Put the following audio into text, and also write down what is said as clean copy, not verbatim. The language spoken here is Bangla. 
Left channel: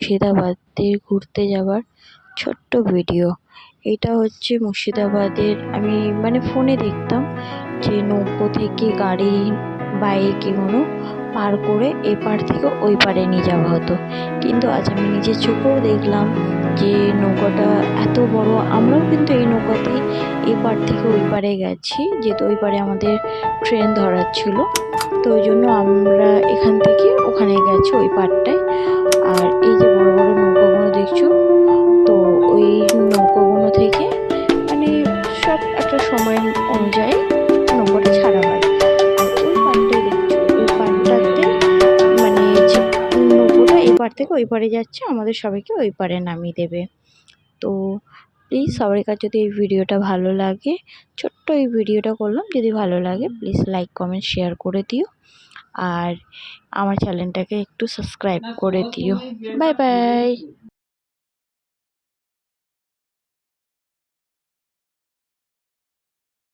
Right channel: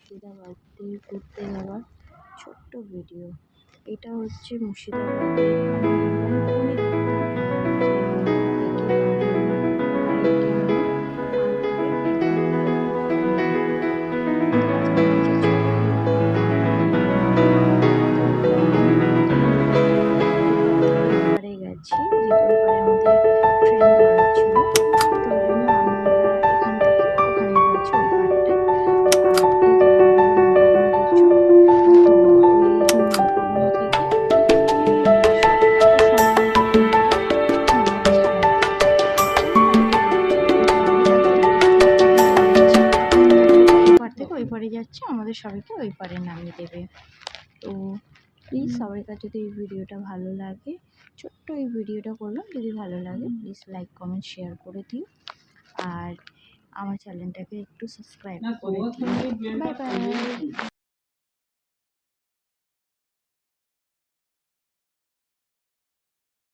মুর্শিদাবাদে ঘুরতে যাওয়ার ছোট্ট ভিডিও। এটা হচ্ছে মুর্শিদাবাদের, আমি ফোনে দেখতাম যে নৌকো থেকে গাড়ি, বাইক এগুলো পার করে এপার থেকে ওই পারে নিয়ে যাওয়া হতো। কিন্তু আজ আমি নিজের চোখেও দেখলাম যে নৌকাটা এত বড়। আমরাও কিন্তু এই নৌকাতেই এপার থেকে ওই পারে গেছি, যেহেতু ওই পারে আমাদের ট্রেন ধরার ছিল। তো ওই জন্য আমরা এখান থেকে ওখানে গেছি ওই পারটায়। আর এই যে বড় বড় নৌকাগুলো দেখছো, তো ওই নৌকাগুলো থেকে সব একটা সময় অনুযায়ী নৌকাটা ছাড়া হয়। ওই পারটাই দেখছো, ওই পারটাতে যে নৌকোটা এই পার থেকে ওই পারে যাচ্ছে, আমাদের সবাইকে ওই পারে নামিয়ে দেবে। তো প্লিজ সবার কাছে যদি এই ভিডিওটা ভালো লাগে, ছোট্ট এই ভিডিওটা করলাম, যদি ভালো লাগে প্লিজ লাইক কমেন্ট শেয়ার করে দিও। আর আমার চ্যানেলটাকে একটু সাবস্ক্রাইব করে দিও। Bye bye.